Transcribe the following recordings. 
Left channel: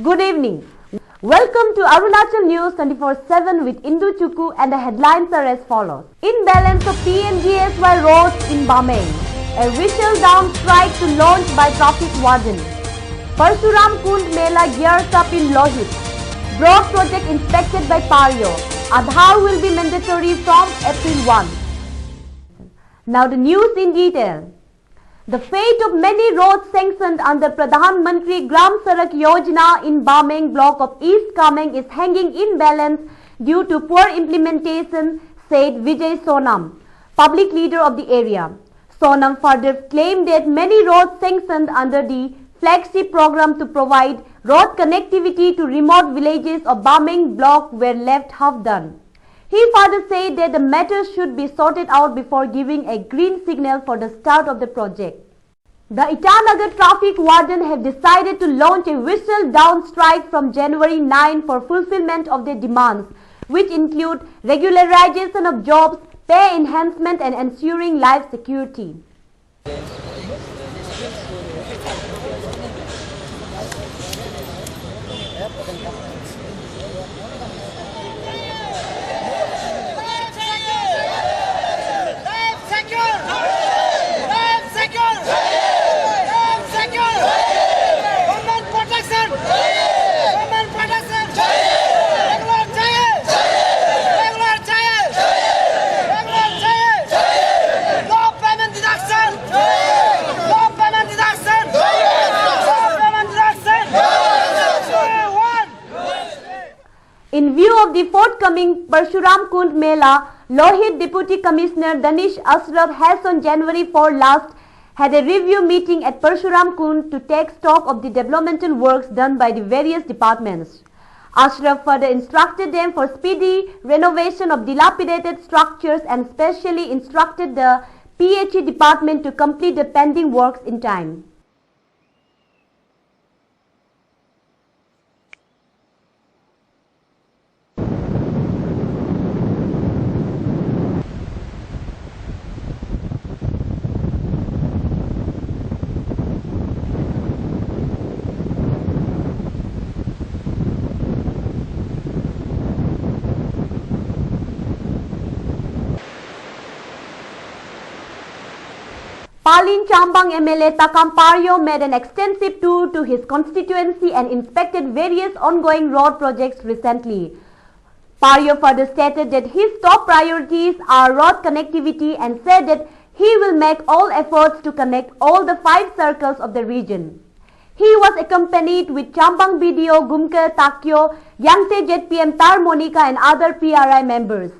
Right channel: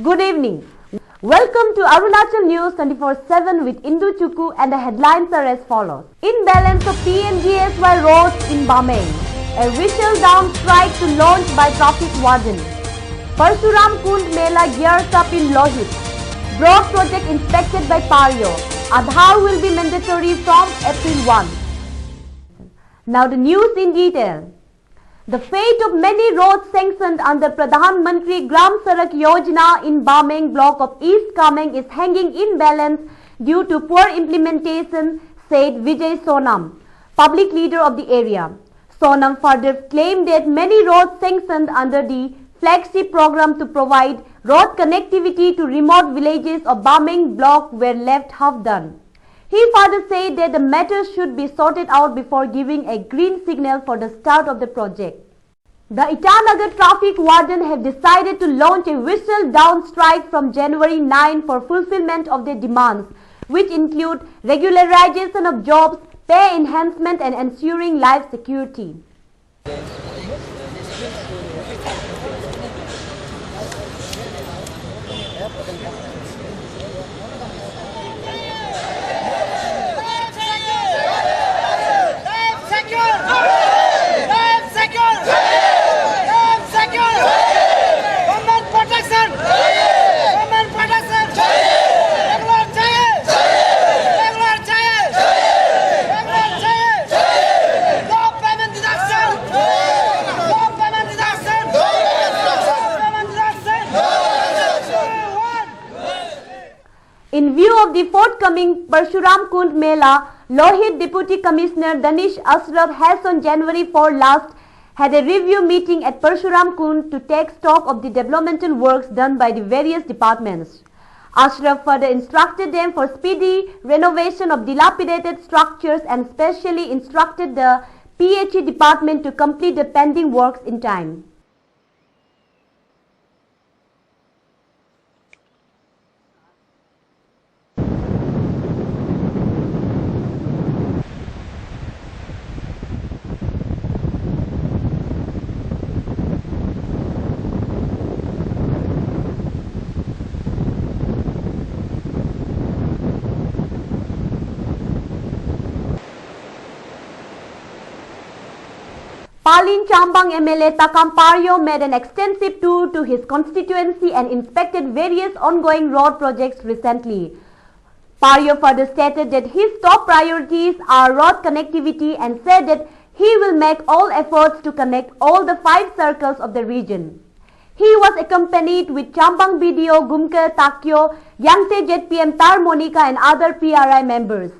Good evening. Welcome to Arunachal News 24/7 with Indu Chukku, and the headlines are as follows. Imbalance of PMGSY roads in Bameng. A whistle-down strike to launch by traffic warden. Parshuram Kund Mela gears up in Lohit. Broad project inspected by Paryo. Aadhaar will be mandatory from April 1. Now the news in detail. The fate of many roads sanctioned under Pradhan Mantri Gram Sadak Yojana in Bameng block of East Kameng is hanging in balance due to poor implementation, said Vijay Sonam, public leader of the area. Sonam further claimed that many roads sanctioned under the flagship program to provide road connectivity to remote villages of Bameng block were left half done. He further said that the matter should be sorted out before giving a green signal for the start of the project. The Itanagar traffic warden have decided to launch a whistle-down strike from January 9 for fulfillment of their demands, which include regularization of jobs, pay enhancement and ensuring life security. In view of the forthcoming Parshuram Kund Mela, Lohit Deputy Commissioner Danish Ashraf has on January 4 last had a review meeting at Parshuram Kund to take stock of the developmental works done by the various departments. Ashraf further instructed them for speedy renovation of dilapidated structures and specially instructed the PHE department to complete the pending works in time. Palin Chambang MLA Takam Paryo made an extensive tour to his constituency and inspected various ongoing road projects recently. Paryo further stated that his top priorities are road connectivity and said that he will make all efforts to connect all the 5 circles of the region. He was accompanied with Chambang BDO Gumke Takyo, Yangte ZPM Tar Monica and other PRI members.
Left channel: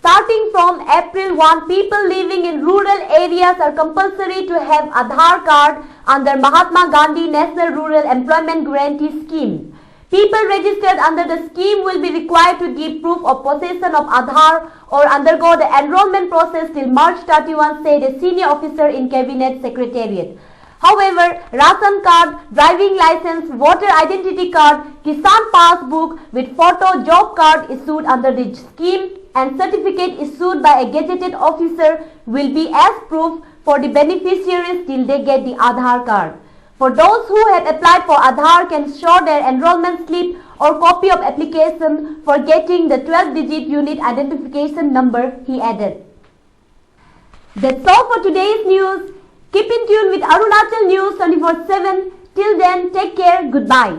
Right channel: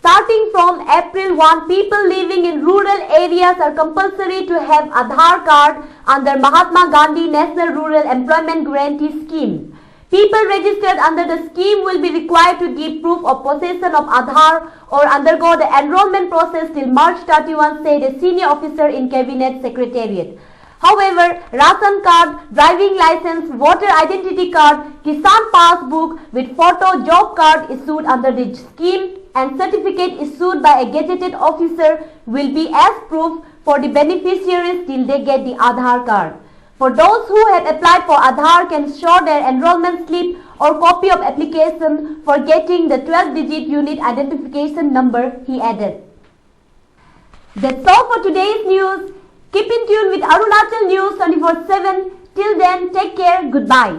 Starting from April 1, people living in rural areas are compulsory to have Aadhaar card under Mahatma Gandhi National Rural Employment Guarantee Scheme. People registered under the scheme will be required to give proof of possession of Aadhaar or undergo the enrollment process till March 31, said a senior officer in Cabinet Secretariat. However, ration card, driving license, voter identity card, Kisan passbook with photo job card issued under the scheme and certificate issued by a gazetted officer will be as proof for the beneficiaries till they get the Aadhaar card. For those who have applied for Aadhaar can show their enrollment slip or copy of application for getting the 12-digit unit identification number, he added. That's all for today's news. Keep in tune with Arunachal News 24/7. Till then, take care. Goodbye.